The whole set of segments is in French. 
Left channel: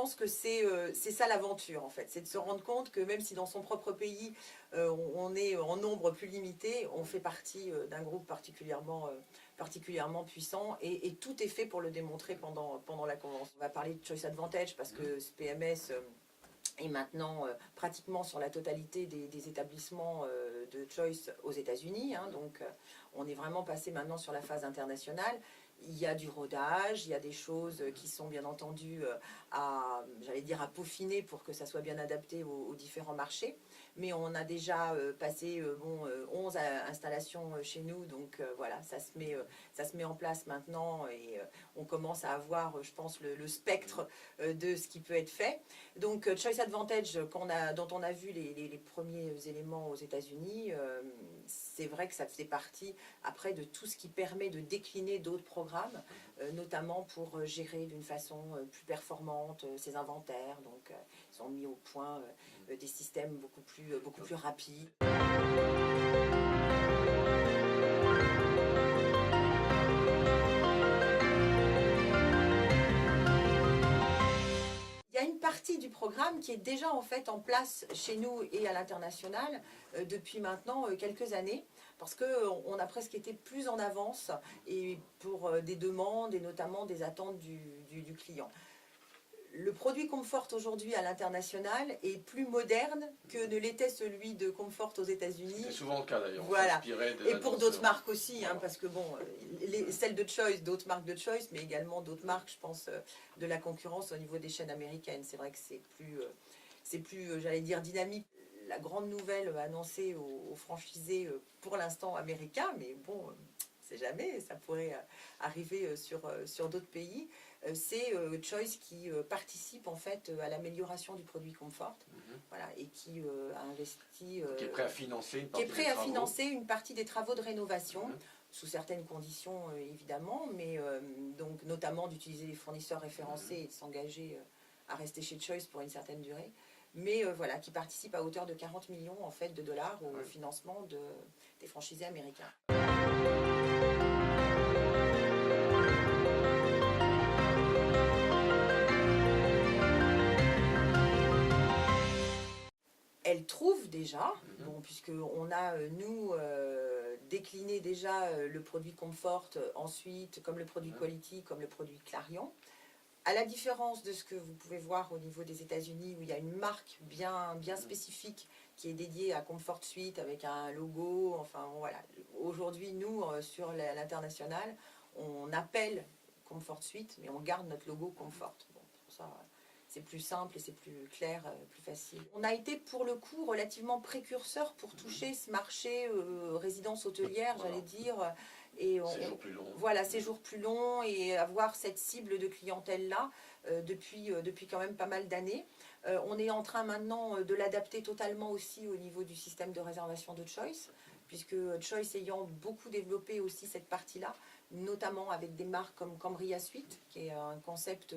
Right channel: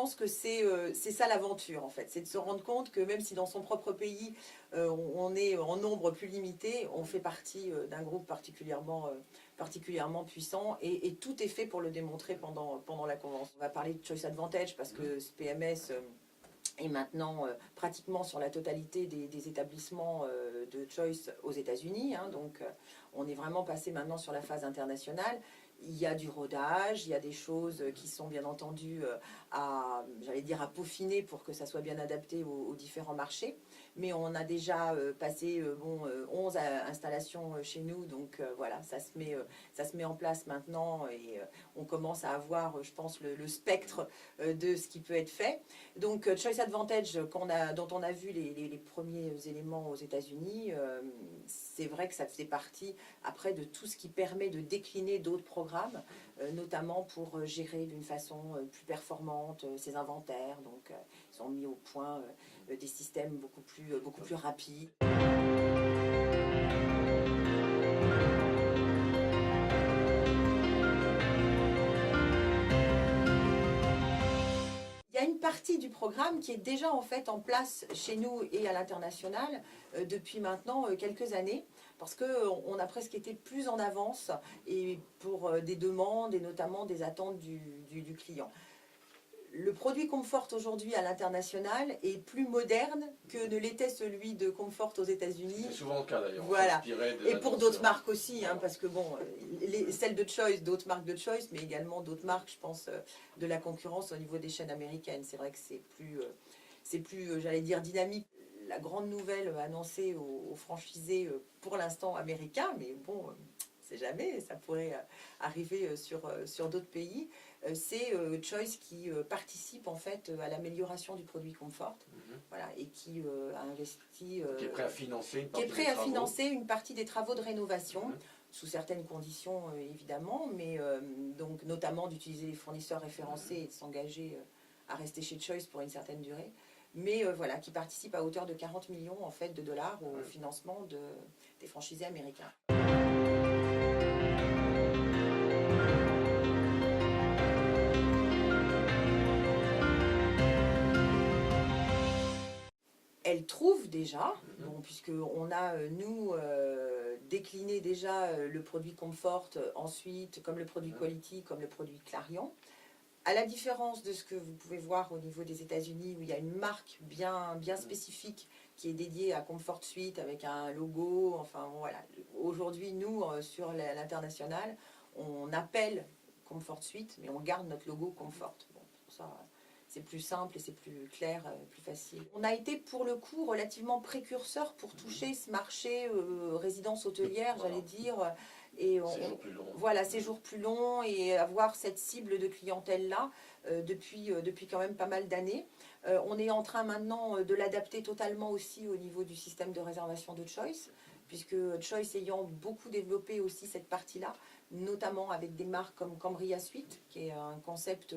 pense que c'est ça l'aventure en fait, c'est de se rendre compte que même si dans son propre pays on est en nombre plus limité, on fait partie d'un groupe particulièrement puissant et tout est fait pour le démontrer pendant la convention. On va parler de Choice Advantage parce que ce PMS est maintenant pratiquement sur la totalité des établissements de Choice aux États-Unis. Hein, donc on est vraiment passé maintenant sur la phase internationale. Il y a du rodage, il y a des choses qui sont bien entendu à peaufiner pour que ça soit bien adapté aux différents marchés. Mais on a déjà passé 11 installations chez nous, donc voilà, ça se met en place maintenant et on commence à avoir, je pense, le spectre de ce qui peut être fait. Donc Choice Advantage, dont on a vu les premiers éléments aux États-Unis, c'est vrai que ça faisait partie après de tout ce qui permet de décliner d'autres programmes, notamment pour gérer d'une façon plus performante ces inventaires. Donc ils ont mis au point des systèmes beaucoup plus rapides. Il y a une partie du programme qui est déjà en fait en place chez nous et à l'international depuis maintenant quelques années, parce qu'on a presque été plus en avance et pour des demandes et notamment des attentes du client. Le produit Comfort aujourd'hui à l'international est plus moderne que ne l'était celui de Comfort aux États-Unis. C'est souvent le cas d'ailleurs. Voilà. Et pour d'autres marques aussi, hein, parce que bon, celles de Choice, d'autres marques de Choice, mais également d'autres marques, je pense, de la concurrence au niveau des chaînes américaines. C'est vrai que c'est plus, j'allais dire, dynamique. La grande nouvelle annoncée aux franchisés pour l'instant américains, mais bon, c'est jamais, ça pourrait arriver sur d'autres pays, c'est Choice qui participe en fait à l'amélioration du produit Comfort, voilà, et qui a investi... qui est prêt à financer une partie des travaux de rénovation, sous certaines conditions évidemment, mais donc notamment d'utiliser les fournisseurs référencés et de s'engager à rester chez Choice pour une certaine durée, mais voilà, qui participe à hauteur de 40 millions en fait, de dollars au financement des franchisés américains. Elle trouve déjà, bon, puisqu'on a, nous, décliné déjà le produit Comfort, ensuite, comme le produit Quality, comme le produit Clarion. À la différence de ce que vous pouvez voir au niveau des États-Unis, où il y a une marque bien spécifique qui est dédiée à Comfort Suite avec un logo, enfin voilà. Aujourd'hui, nous, sur l'international, on appelle Comfort Suite, mais on garde notre logo Comfort. Bon, pour ça, c'est plus simple et c'est plus clair, plus facile. On a été pour le coup relativement précurseur pour toucher ce marché résidence hôtelière, j'allais dire. Et séjour plus long. Voilà, séjour plus long et avoir cette cible de clientèle-là depuis quand même pas mal d'années. On est en train maintenant de l'adapter totalement aussi au niveau du système de réservation de Choice, puisque Choice ayant beaucoup développé aussi cette partie-là, notamment avec des marques comme Cambria Suite, qui est un concept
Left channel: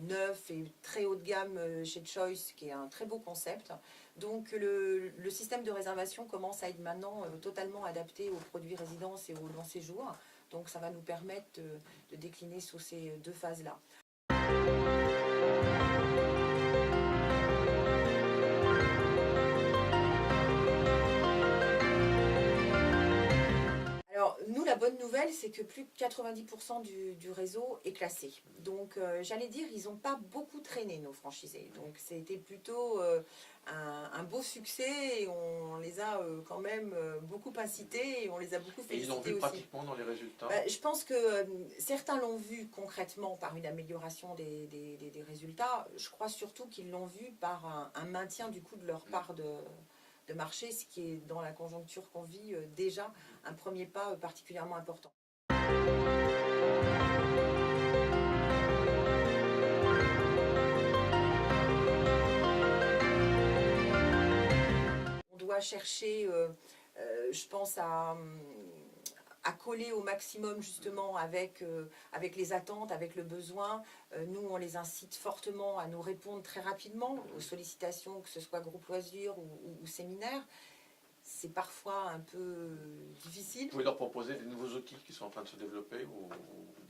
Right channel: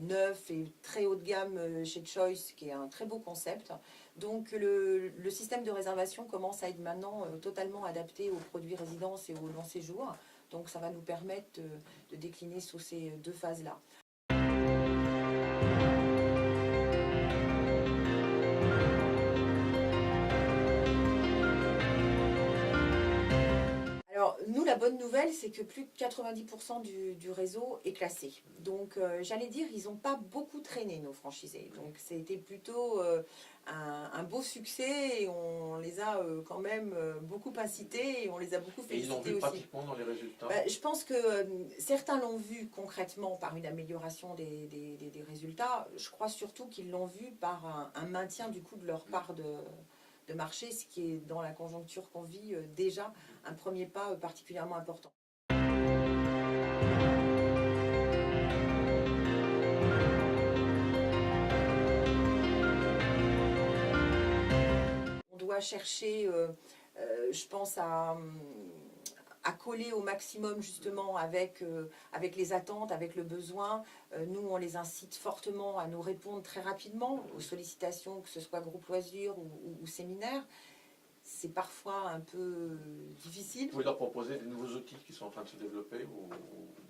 neuf et très haut de gamme chez Choice, qui est un très beau concept. Donc le système de réservation commence à être maintenant totalement adapté aux produits résidence et au long séjour. Donc ça va nous permettre de décliner sous ces deux phases-là. Alors, nous, la bonne nouvelle, c'est que plus de 90% du réseau est classé. Donc, j'allais dire, ils n'ont pas beaucoup traîné, nos franchisés. Donc, c'était plutôt un beau succès et on les a quand même beaucoup incités et on les a beaucoup félicités aussi. Et ils l'ont vu pratiquement dans les résultats. Je pense que certains l'ont vu concrètement par une amélioration des résultats. Je crois surtout qu'ils l'ont vu par un maintien du coup de leur part de marché, ce qui est dans la conjoncture qu'on vit déjà un premier pas particulièrement important. On doit chercher, je pense, à coller au maximum justement avec les attentes, avec le besoin. Nous, on les incite fortement à nous répondre très rapidement aux sollicitations, que ce soit groupe loisirs ou séminaire. c'est parfois un peu difficile. Vous pouvez leur proposer des nouveaux outils qui sont en train de se développer ou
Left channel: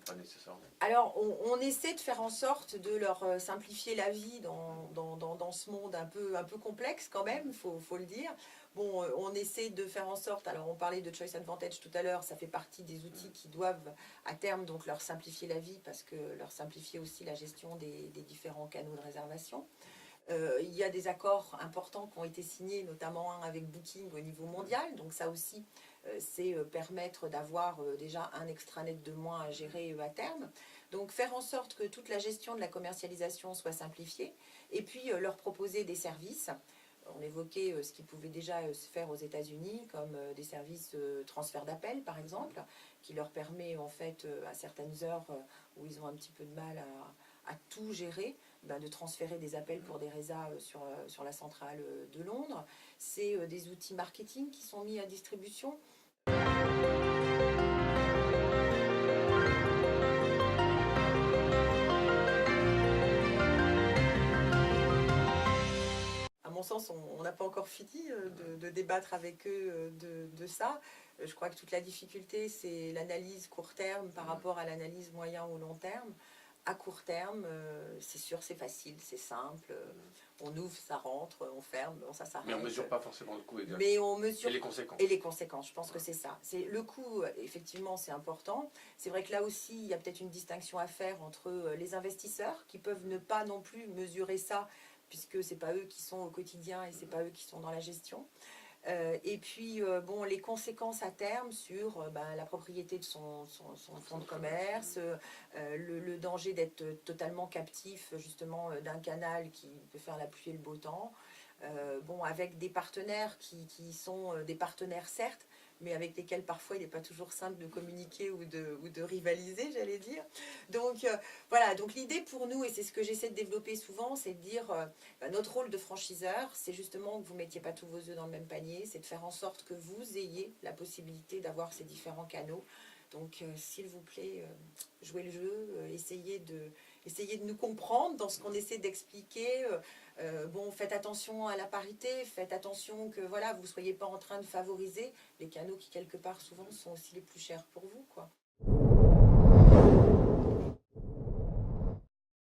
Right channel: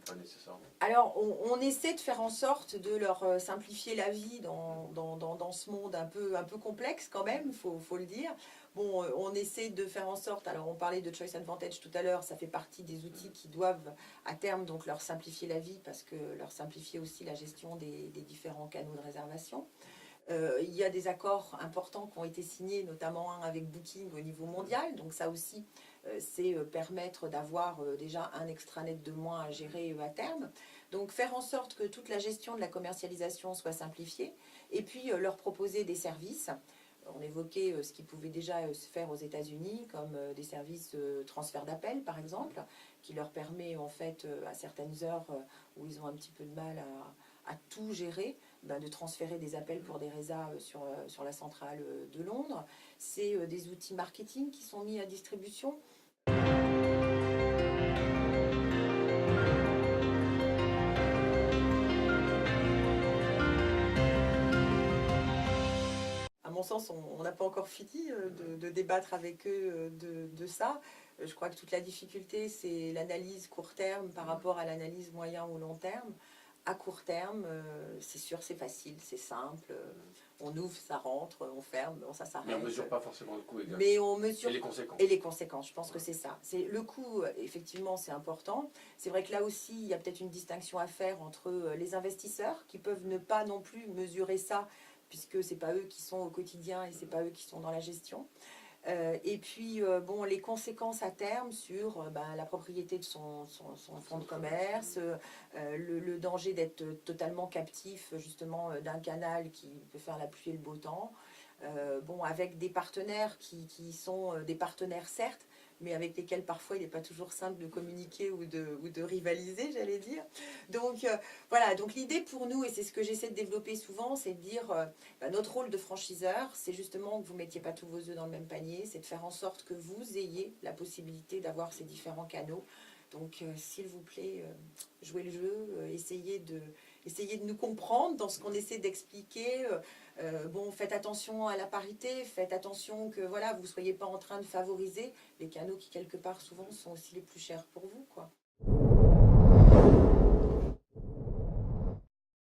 pas nécessairement? Alors, on essaie de faire en sorte de leur simplifier la vie dans ce monde un peu complexe quand même, il faut le dire. Bon, on essaie de faire en sorte, alors on parlait de Choice Advantage tout à l'heure, ça fait partie des outils qui doivent à terme donc leur simplifier la vie parce que leur simplifier aussi la gestion des différents canaux de réservation. Il y a des accords importants qui ont été signés, notamment un avec Booking au niveau mondial. Donc ça aussi, c'est permettre d'avoir déjà un extranet de moins à gérer à terme. Donc faire en sorte que toute la gestion de la commercialisation soit simplifiée et puis leur proposer des services. On évoquait ce qui pouvait déjà se faire aux États-Unis, comme des services transfert d'appel, par exemple, qui leur permet en fait à certaines heures où ils ont un petit peu de mal à tout gérer, de transférer des appels pour des résas sur la centrale de Londres. C'est des outils marketing qui sont mis à distribution. À mon sens, on n'a pas encore fini de débattre avec eux de ça. Je crois que toute la difficulté, c'est l'analyse court terme par rapport à l'analyse moyen ou long terme. À court terme, c'est sûr, c'est facile, c'est simple. On ouvre, ça rentre, on ferme, bon, ça s'arrête. Mais on ne mesure pas forcément le coût exact. Mais on mesure... Et les conséquences. Et les conséquences, je pense que c'est ça. Le coût, effectivement, c'est important. C'est vrai que là aussi, il y a peut-être une distinction à faire entre les investisseurs qui peuvent ne pas non plus mesurer ça, puisque ce n'est pas eux qui sont au quotidien et ce n'est pas eux qui sont dans la gestion. Et puis, bon, les conséquences à terme sur la propriété de son fonds de commerce, le danger d'être totalement captif justement d'un canal qui peut faire la pluie et le beau temps. Bon, avec des partenaires qui sont des partenaires certes, mais avec lesquels parfois il n'est pas toujours simple de communiquer ou de rivaliser, j'allais dire. Donc voilà, donc l'idée pour nous, et c'est ce que j'essaie de développer souvent, c'est de dire notre rôle de franchiseur, c'est justement que vous ne mettiez pas tous vos œufs dans le même panier, c'est de faire en sorte que vous ayez la possibilité d'avoir ces différents canaux. Donc s'il vous plaît, jouez le jeu, essayez de nous comprendre dans ce qu'on essaie d'expliquer. Bon, faites attention à la parité, faites attention que voilà, vous ne soyez pas en train de favoriser les canaux qui quelque part souvent sont aussi les plus chers pour vous, quoi.